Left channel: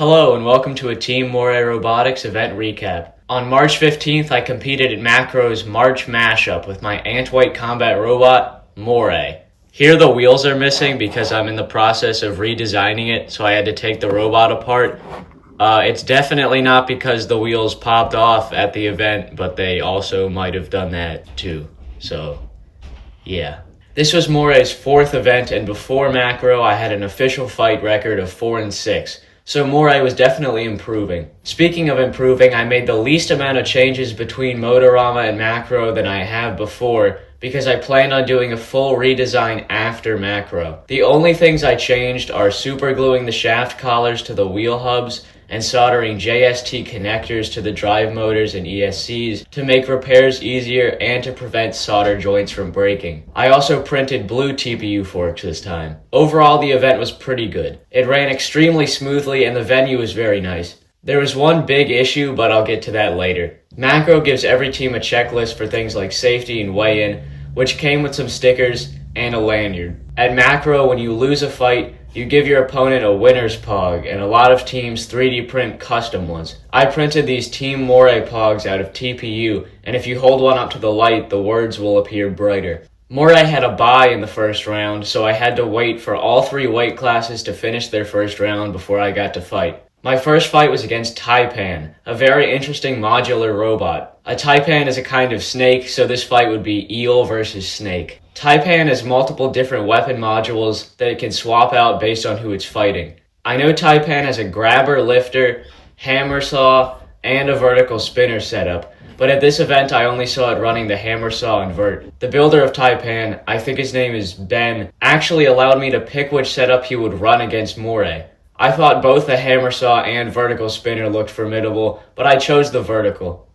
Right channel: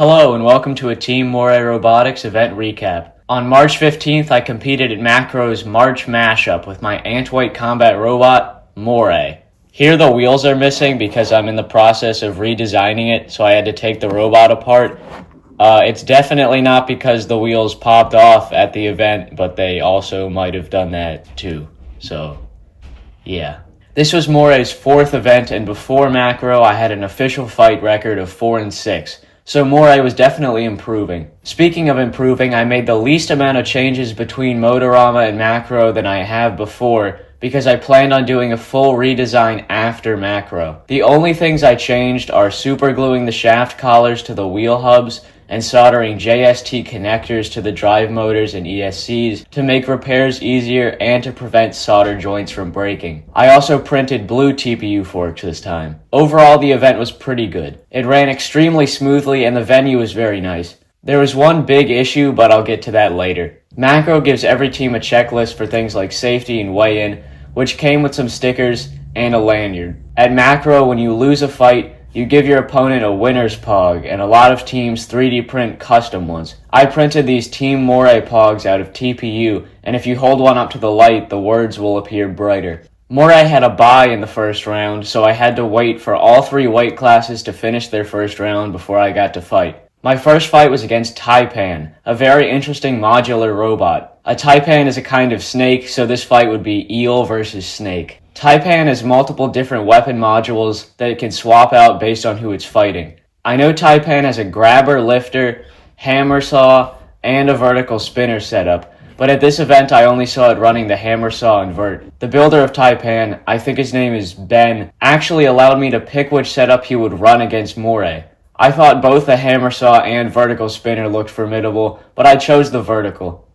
Hello and welcome to a Team Moray Robotics event recap. On March 15th, I competed at Macro's March Mashup with my ant-weight combat robot, Moray. Here the wheels are missing because I'm in the process of redesigning it, so I had to take the robot apart. It's definitely not because the wheels popped off at the event, but they also might have done that too. So, yeah. This was Moray's fourth event, and before Macro, I had an official fight record of 4-6. So Moray was definitely improving. Speaking of improving, I made the least amount of changes between Motorama and Macro than I have before because I planned on doing a full redesign after Macro. The only things I changed are supergluing the shaft collars to the wheel hubs and soldering JST connectors to the drive motors and ESCs to make repairs easier and to prevent solder joints from breaking. I also printed blue TPU forks this time. Overall, the event was pretty good. It ran extremely smoothly and the venue was very nice. There was one big issue, but I'll get to that later. Macro gives every team a checklist for things like safety and weigh-in, which came with some stickers and a lanyard. At Macro, when you lose a fight, you give your opponent a winner's pog, and a lot of teams 3D print custom ones. I printed these Team Moray pogs out of TPU, and if you hold one up to the light, the words will appear brighter. Moray had a bye in the first round, so I had to wait for all three weight classes to finish their first round before I got to fight. My first fight was against Taipan, a very interesting modular robot. A Taipan is a kind of snake, so this fight would be eel versus snake. Taipan has multiple different weapon modules that it can swap out based on who it's fighting. I know Taipan has a grabber, lifter, hammer saw, and a vertical spinner setup, but at this event I only saw it running the hammer saw and vert. The builder of Taipan, I think his name is Ben, actually allowed me to pick which setup he would run against Moray. I thought both the hammer saw and vertical spinner looked formidable, but I chose the vertical.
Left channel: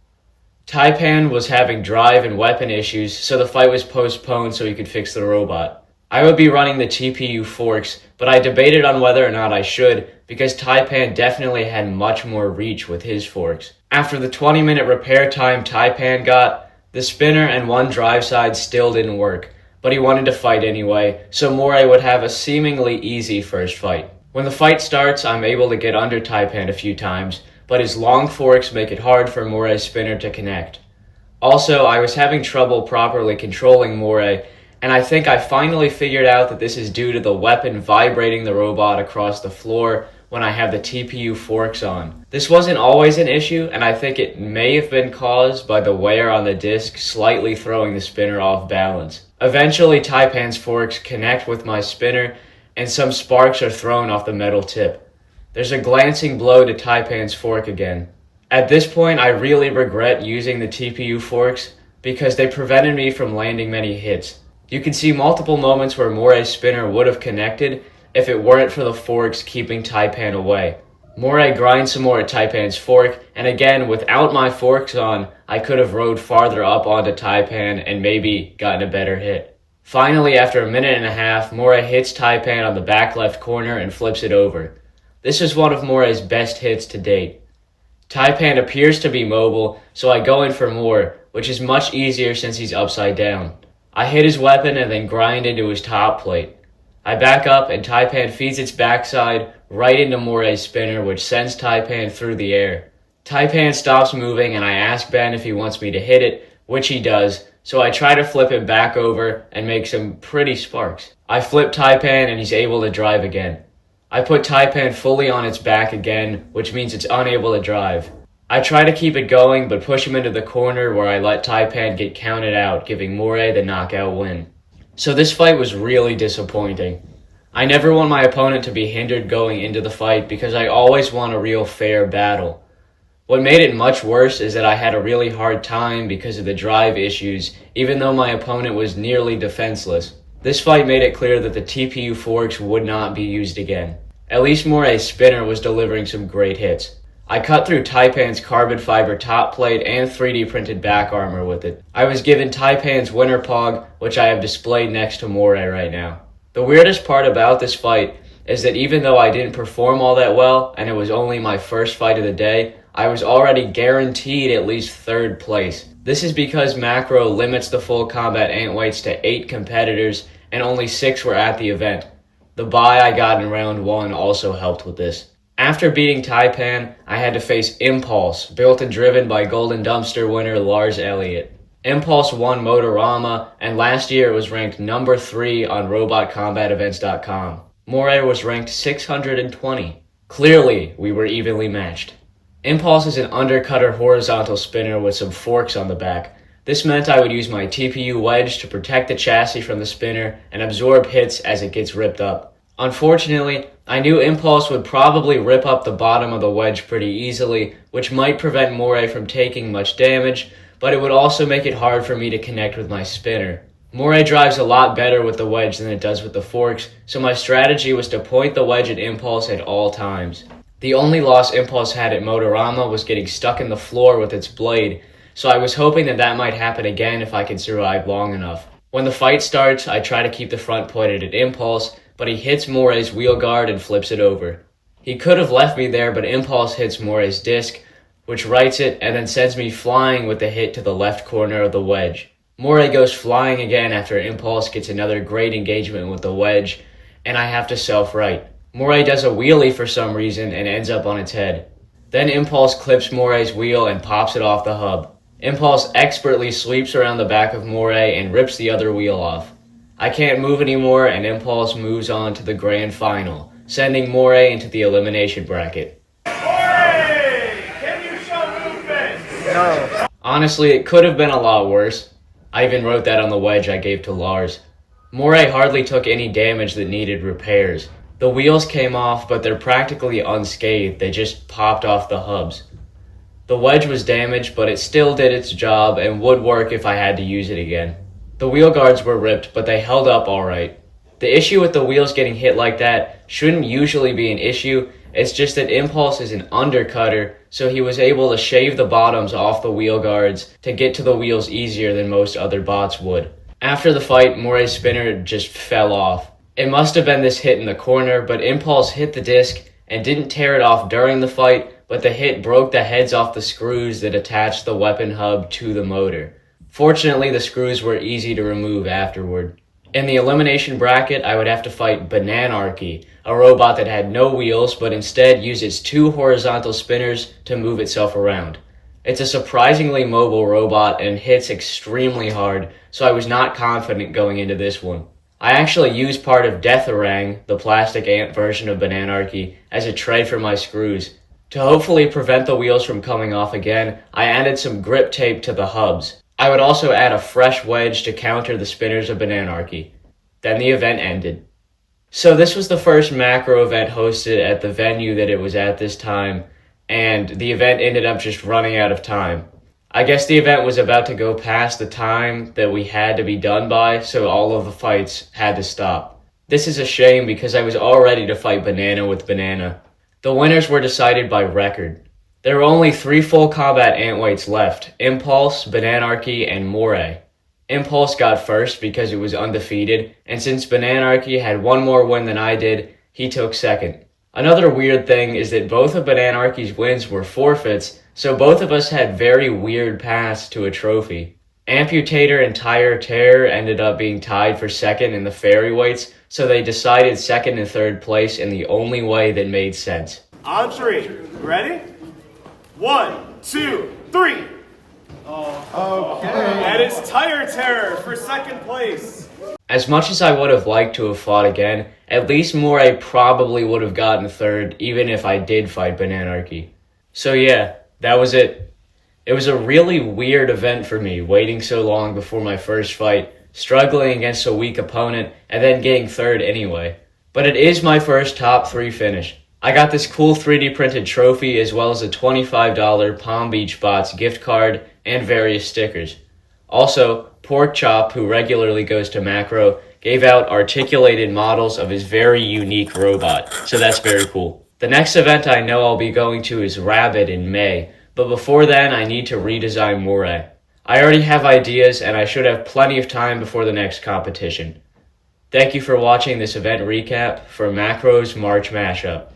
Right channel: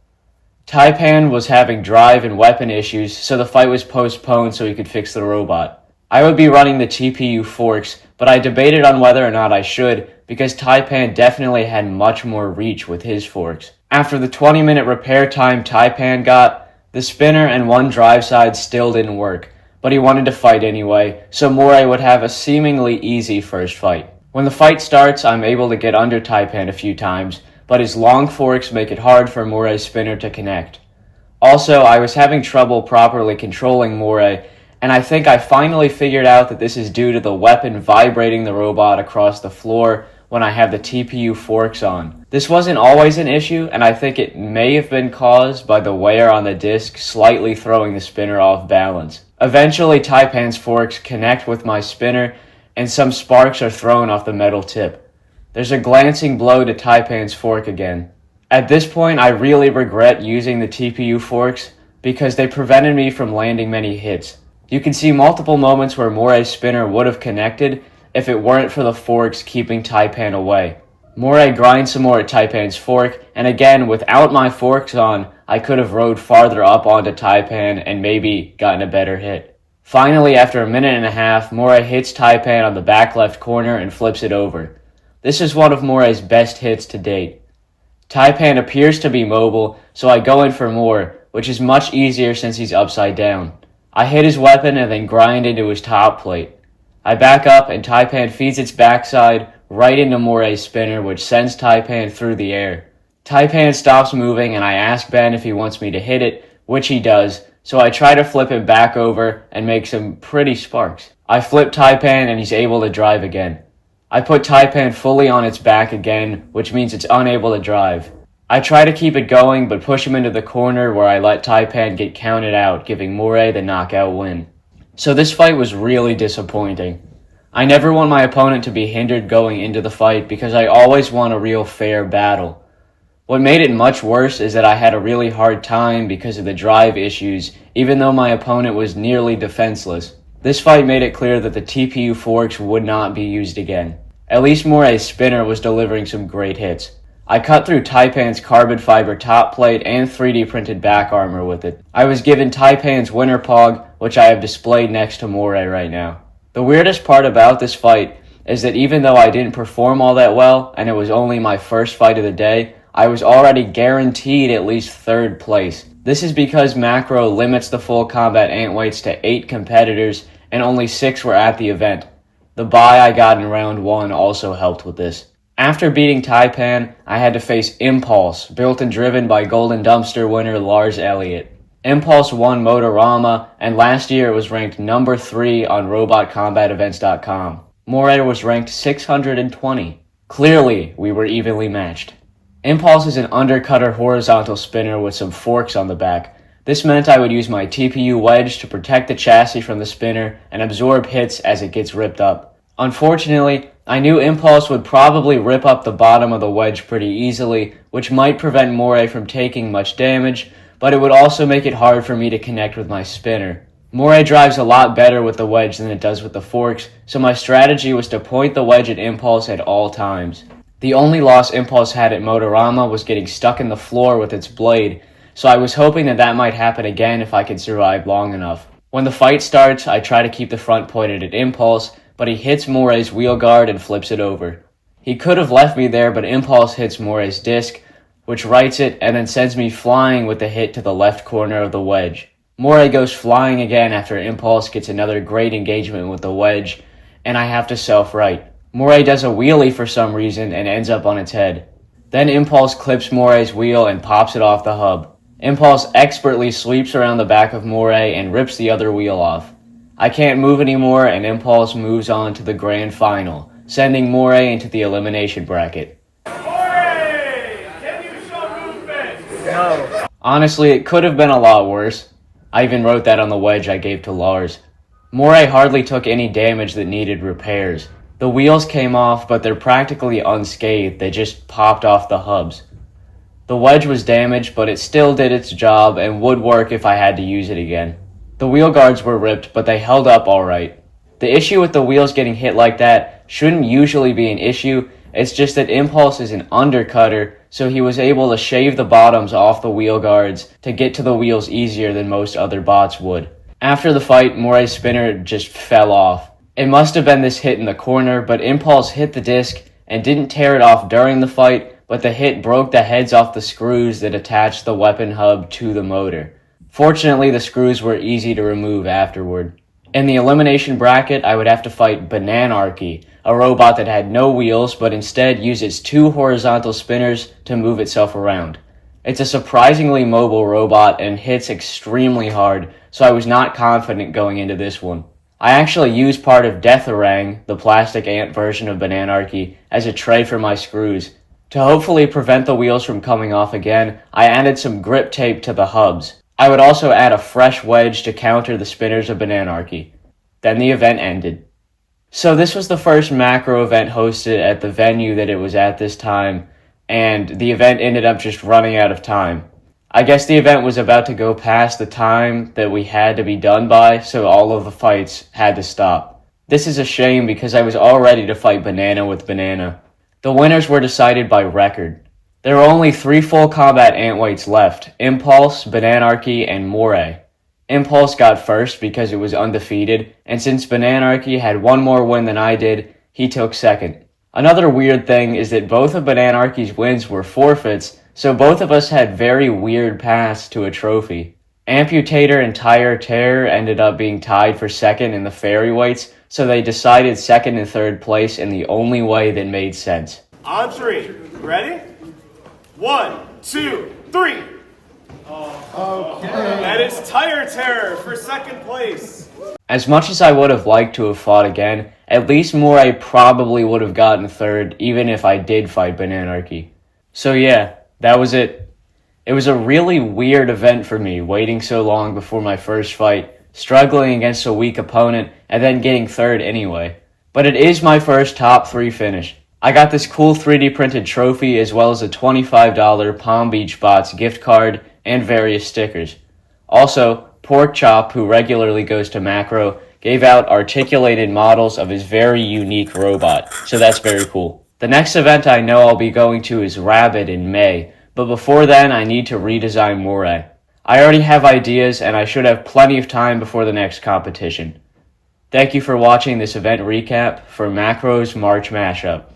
Taipan was having drive and weapon issues, so the fight was postponed so he could fix the robot. I would be running the TPU forks, but I debated on whether or not I should, because Taipan definitely had much more reach with his forks. After the 20-minute repair time Taipan got, the spinner and one drive side still didn't work, but he wanted to fight anyway, so Moray would have a seemingly easy first fight. When the fight starts, I'm able to get under Taipan a few times, but his long forks make it hard for Moray's spinner to connect. Also, I was having trouble properly controlling Moray, and I think I finally figured out that this is due to the weapon vibrating the robot across the floor when I have the TPU forks on. This wasn't always an issue, and I think it may have been caused by the wear on the disc slightly throwing the spinner off balance. Eventually, Taipan's forks connect with my spinner, and some sparks are thrown off the metal tip. There's a glancing blow to Taipan's fork again. At this point, I really regret using the TPU forks because they prevented me from landing many hits. You can see multiple moments where Moray's spinner would have connected if it weren't for the forks keeping Taipan away. Moray grinds some more at Taipan's fork, and again, without my forks on, I could have rode farther up onto Taipan and maybe gotten a better hit. Finally, after a minute and a half, Moray hits Taipan on the back left corner and flips it over. This is one of Moray's best hits to date. Taipan appears to be mobile, so I go in for more, which is much easier since he's upside down. I hit his weapon and then grind into his top plate. I back up and Taipan feeds its backside right into Moray's spinner, which sends Taipan through the air. Taipan stops moving and I ask Ben if he wants me to hit it, which he does, so I try to flip him back over and make some pretty sparks. I flip Taipan and he's able to drive again. I put Taipan fully on its back again, which means it's unable to drive. I try to keep it going, but push him into the corner where I let Taipan get counted out, giving Moray the knockout win. So this fight was really disappointing. I never want my opponent to be hindered going into the fight because I always want a real fair battle. What made it much worse is that I had a really hard time because of the drive issues, even though my opponent was nearly defenseless. This fight made it clear that the TPU forks would not be used again. At least Moray's spinner was delivering some great hits. I cut through Taipan's carbon fiber top plate and 3D printed back armor with it. I was given Taipan's winner pog, which I have displayed next to Moray right now. The weirdest part about this fight is that even though I didn't perform all that well, and it was only my first fight of the day, I was already guaranteed at least third place. This is because Macro limits the full combat ant weights to 8 competitors, and only 6 were at the event. The bye I got in round 1 also helped with this. After beating Taipan, I had to face Impulse, built and driven by Golden Dumpster winner Lars Elliott. Impulse won Motorama, and last year it was ranked number 3 on RobotCombatEvents.com. Moray was ranked 620. Clearly, we were evenly matched. Impulse is an undercutter horizontal spinner with some forks on the back. This meant I would use my TPU wedge to protect the chassis from the spinner and absorb hits as it gets ripped up. Unfortunately, I knew Impulse would probably rip up the bottom of the wedge pretty easily, which might prevent Moray from taking much damage, but it would also make it hard for me to connect with my spinner. Moray drives a lot better with the wedge than it does with the forks, so my strategy was to point the wedge at Impulse at all times. The only loss Impulse had at Motorama was getting stuck in the floor with its blade, so I was hoping that might happen again if I could survive long enough. When the fight starts, I try to keep the front pointed at Impulse, but he hits Moray's wheel guard and flips it over. He could have left me there, but Impulse hits Moray's disc, which rights it and then sends me flying with the hit to the left corner of the wedge. Moray goes flying again after Impulse gets another great engagement with the wedge, and I have to self-right. Moray does a wheelie for some reason and ends up on its head. Then Impulse clips Moray's wheel and pops it off the hub. Impulse expertly sweeps around the back of Moray and rips the other wheel off. I can't move anymore, and Impulse moves on to the grand final, sending Moray into the elimination bracket. Moray! Can you show movement? No. Honestly, it could have been a lot worse. I even wrote that on the wedge I gave to Lars. Moray hardly took any damage that needed repairs. The wheels came off, but they're practically unscathed. They just popped off the hubs. The wedge was damaged, but it still did its job and would work if I had to use it again. The wheel guards were ripped, but they held up alright. The issue with the wheels getting hit like that shouldn't usually be an issue, it's just that Impulse is an undercutter, so he was able to shave the bottoms off the wheel guards to get to the wheels easier than most other bots would. After the fight, Moray's spinner just fell off. It must have been this hit in the corner, but Impulse hit the disc and didn't tear it off during the fight, but the hit broke the heads off the screws that attached the weapon hub to the motor. Fortunately, the screws were easy to remove afterward. In the elimination bracket, I would have to fight Bananarchy, a robot that had no wheels but instead used its 2 horizontal spinners to move itself around. It's a surprisingly mobile robot and hits extremely hard, so I was not confident going into this one. I actually used part of Deatharang, the plastic ant version of Bananarchy, as a tray for my screws. To hopefully prevent the wheels from coming off again, I added some grip tape to the hubs. I would also add a fresh wedge to counter the spinners of Bananarchy. Then the event ended. So this was the first macro event hosted at the venue that it was at this time, and the event ended up just running out of time. I guess the event was about to go past the time that we had to be done by, so all of the fights had to stop. This is a shame because I was all ready to fight Banana with Banana. The winners were decided by record. There were only 3 full combat antweights left: Impulse, Bananarchy, and Moray. Impulse got first because it was undefeated, and since Bananarchy had 1 more win than I did, he took second. Another weird thing is that both of Bananarchy's wins were forfeits, so both of us had very weird paths to a trophy. Amputator and Tire Terror ended up being tied for second in the fairy weights, so they decided second and third place in the only way that made sense. On 3. Ready? 1, 2, 3. Okay. That is Tire Terror for second place. As much as I would have liked to have fought again, at least Moray probably would have gotten third even if I did fight Bananarchy. So yeah, that was it. It was a really weird event for me, waiting so long before my first fight, struggling against a weak opponent, and then getting third anyway. But it is my first top 3 finish. I got this cool 3D printed trophy as well as a $25 Palm Beach Bots gift card and various stickers. Also, Pork Chop, who regularly goes to Macro, gave out articulated models of his very unique robot, so that's very cool. The next event I know I'll be going to is Rabbit in May, but before then I need to redesign Moray. I already have ideas and I should have plenty of time before the next competition. Thank you for watching this event recap for Macro's March Mashup.